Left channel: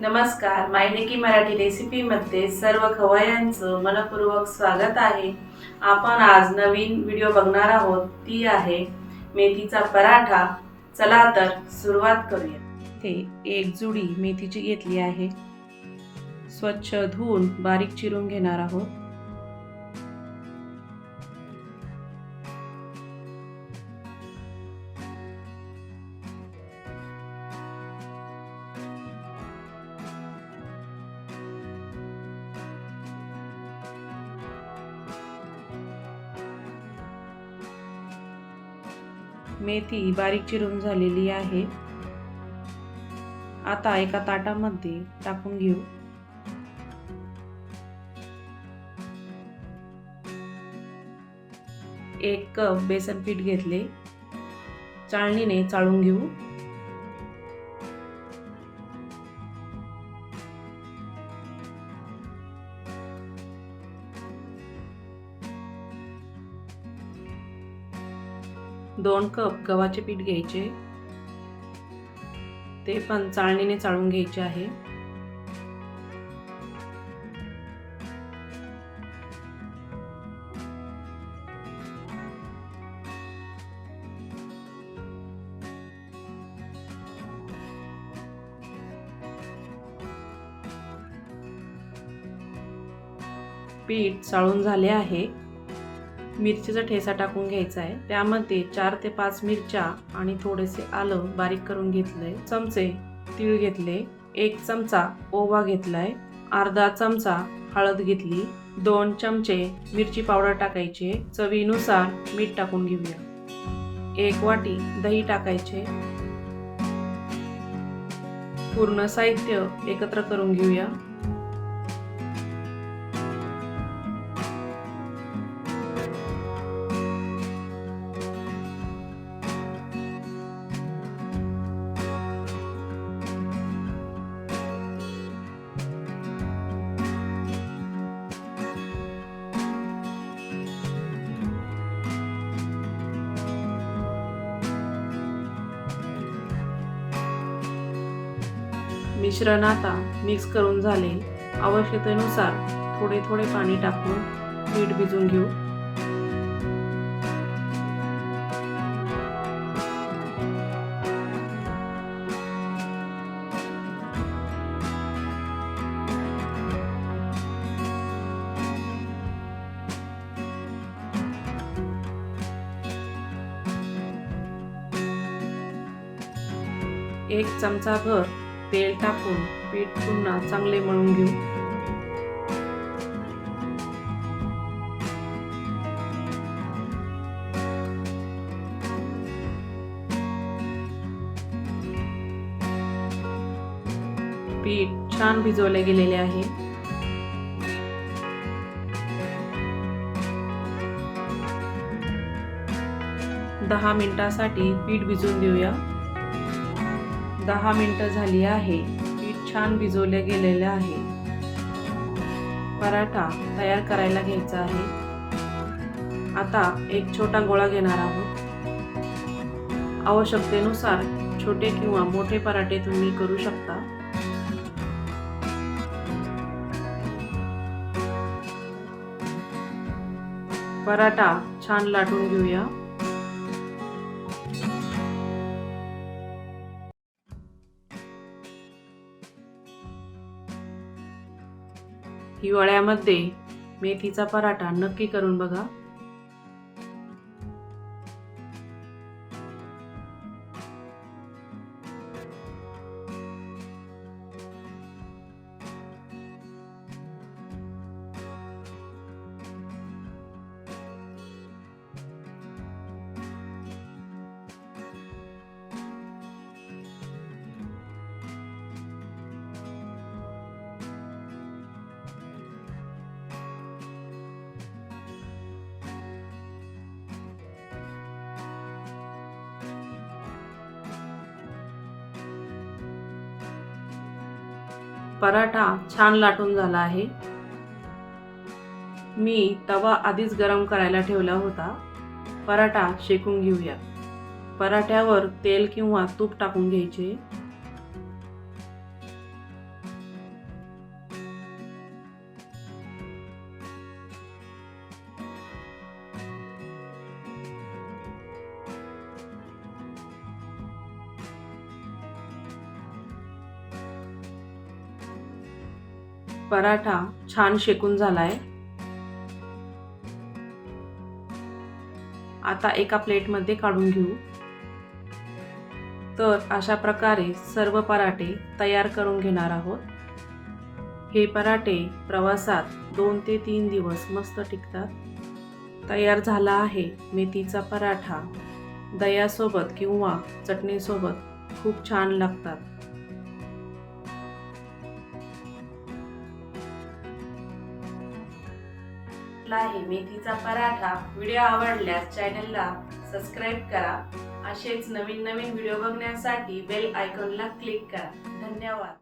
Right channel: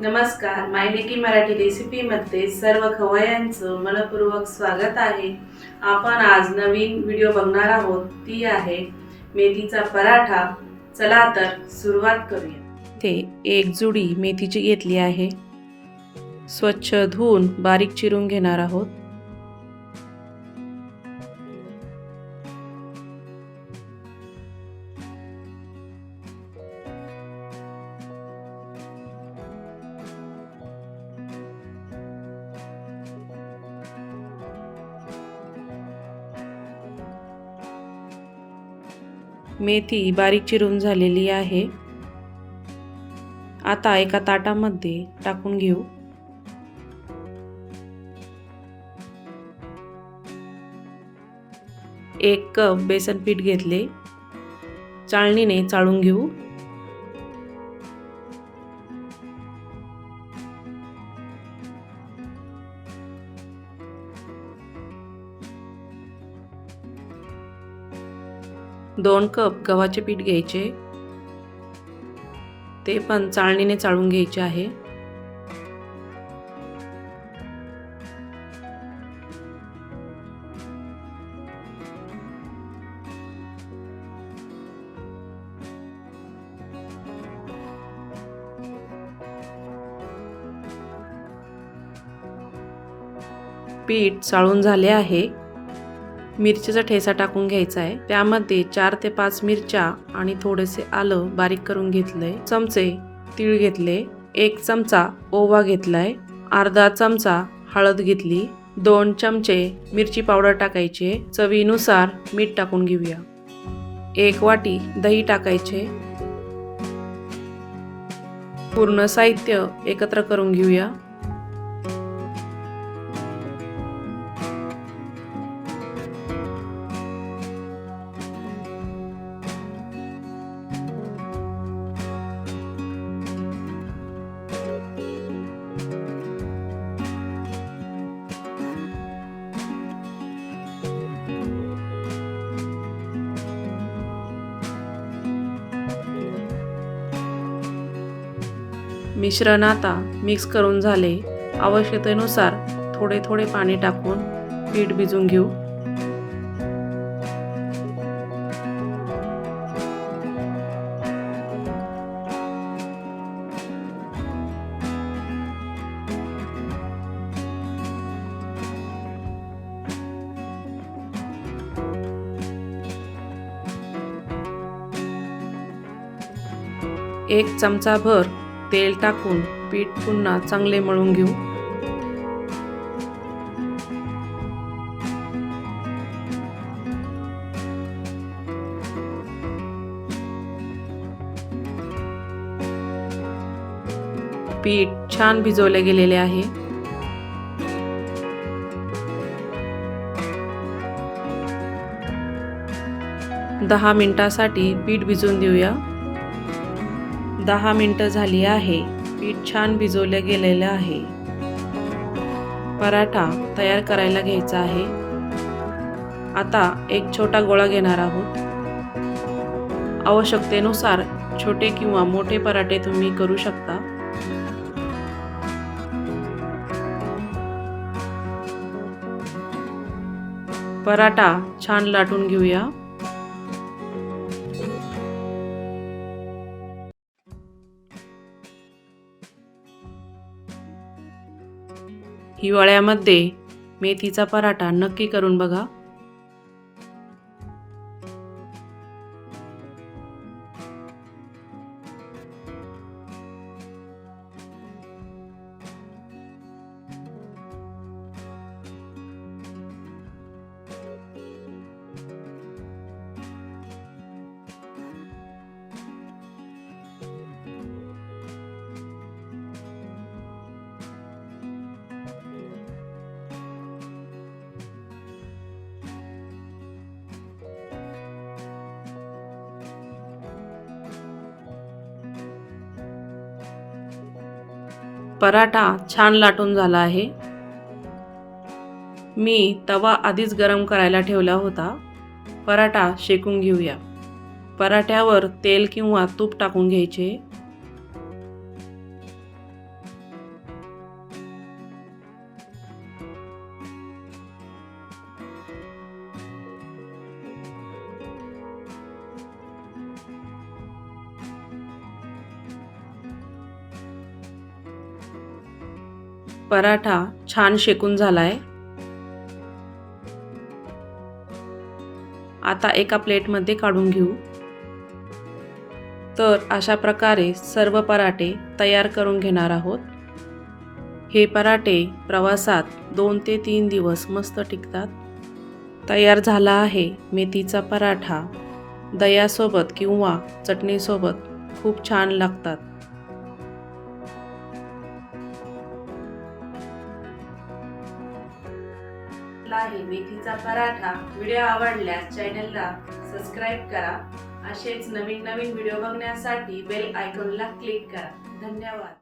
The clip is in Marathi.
नमस्कार मायलेकी मराठी रेसिपीमध्ये सर्व खवयांचं मनपूर्वक स्वागत आहे. आपण आज नवीन व्हिडिओ बघणार आहोत. ती आहे मेथीचा पराठा. चला तर सुरुवात करूया. ते एक जुडी मेथीची घेतली आहे. स्वच्छ धुवून बारीक चिरून घेणार आहोत. मेथी बारीक चिरून झालेली आहे. आता एका ताटामध्ये टाकून घेऊ. एक कप बेसन पीठ घेतले. चाळणीने चाळून घेऊ. दोन कप गव्हाचे पीठ घ्यायचे. ते पण चाळणीने चाळून घ्यायचे आहे. पीठ चाळून झाले आहे. मिरचीचा ठेसा टाकून घ्यायचा आहे. त्यामध्ये चार ते पाच मिरच्या आणि थोडेसे आलं बारीक करून घेतलंय. चमचे तीळ घेतले. एक चमचा ओवा घेतलाय. अर्धा चमचा हळद घेतली. दोन चमचे मिरची पावडर टाकायचे. चवीनुसार मीठ टाकून घेऊया. एक वाटी दही टाकायचे. पूर्ण साहित्य एकत्र करून घेऊया. मिश्रण आता मिक्स करून झाले. आवश्यकतेनुसार थोडे थोडे पाणी टाकून पीठ भिजून घेऊ. एक चमचा भर तेल टाकून पीठ पुन्हा चांगले मळून घेऊ. पीठ छान भिजवले गेलेले आहे. दहा मिनिटासाठी पीठ भिजवून देऊया. दहा मिनटं झाली आहे. पीठ छान भिजवलं गेलेलं आहे. पराठा तयार करायला घ्यायचा आहे. आता एक छोटा गोळा घेणार आहोत. आवश्यकतेनुसार छोटे किंवा मोठे पराठे तुम्ही करू शकता. पराठा छान लाटून घेऊया. हिवाळ्यामध्ये मेथीचा पराठा नक्की करून बघा. पराठा छान लाटून झाला आहे. मी तवा आधीच गरम करायला ठेवला होता. पराठा शेकून घेऊया. पराठ्यावर तेल किंवा तूप टाकून घ्यायचे. पराठा छान शेकून झाला आहे आता एका प्लेटमध्ये काढून घेऊ. तर अशा प्रकारे सर्व पराठे तयार करून घेणार आहोत. हे पराठे प्रवासात दोन ते तीन दिवस मस्त टिकतात. तयार झाला आहे मेथीचा पराठा. दह्यासोबत किंवा चटणीसोबत खूप छान लागतात. आहे. मेथीचा पराठा. व्हिडिओ आवडल्यास चॅनलला सबस्क्राईब करा. असेच नवीन नवीन व्हिडिओ बघण्यासाठी बेल आयकॉनला क्लिक करा. धन्यवाद.